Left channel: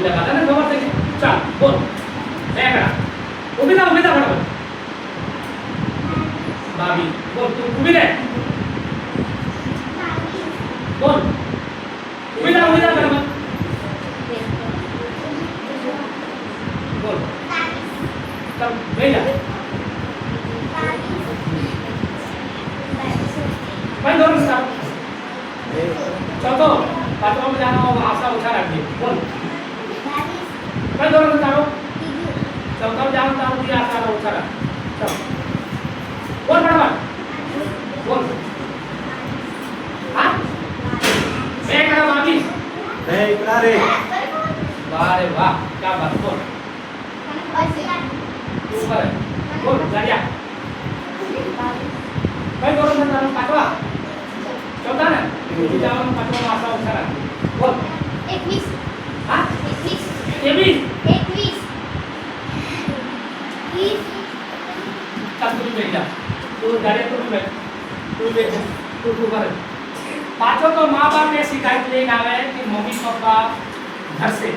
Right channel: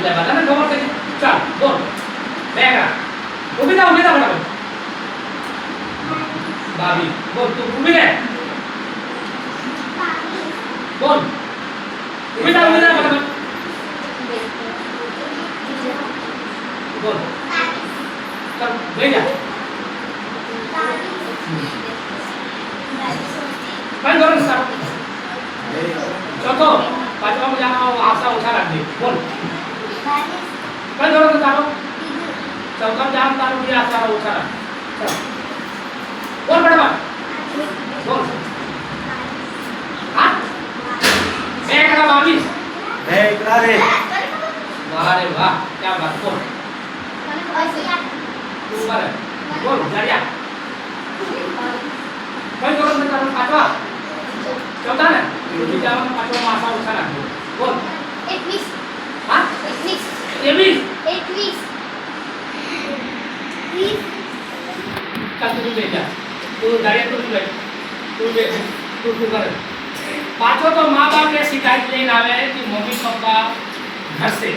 એટલે બધાને ખબર છે કે ચાલ બોલ બે આંકડા ઊભી થા ફટાફટ 22 બોલ તું ઊભી રહે બોલ ઊભી થા ફટાફટ બોલ ચાલ બેઠ જા કઈ ધોરણ છે ચોથો પાંચમા જાણો આશા ઓછા રાખજે બોલ કઈ ધોરણ છે તારો चौका जाम तारू भी आशा ओछा राख चल बोल फटाफट बोल हां બે આંકડા 22 બે એકલા રે वाह रे वाह क्या बात बोल ऊपर है बोल जरिया कई धोरण में तारू पांचवा चौथा ने बीजा में पांचवा में आशा ओछा राख बोल 21 हां 21 21 चल तू बैठ जा तू दाढ़ी तू बैठ तू कर पांचों तो माँ बाप ने शिकायत लेने आवे कि मम्मी पापा घर से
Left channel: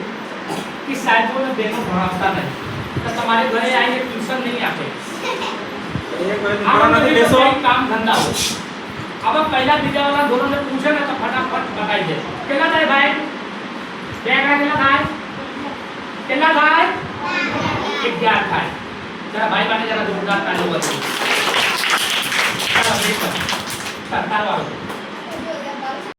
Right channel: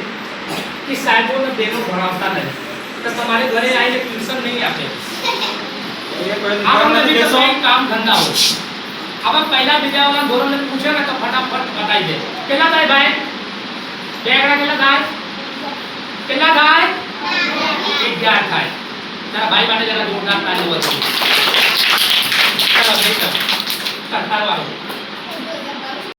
कि साइडों में देनो भरावता नहीं तो तुम्हारे घरे आएंगे ट्यूशन नहीं आते आप भी तो कोई काम धंधा हो अब पहला विद्या वाला दोनों ने पूछे ना तो फटाफट बताई दे कितना थाय भाई બે આંકડા કેટલા થાય કેટલા થાય 11 થાય તારા ભાઈ માટે જરા જોરદાર તાળી બજાવો ચાલો બેટા તારો વારો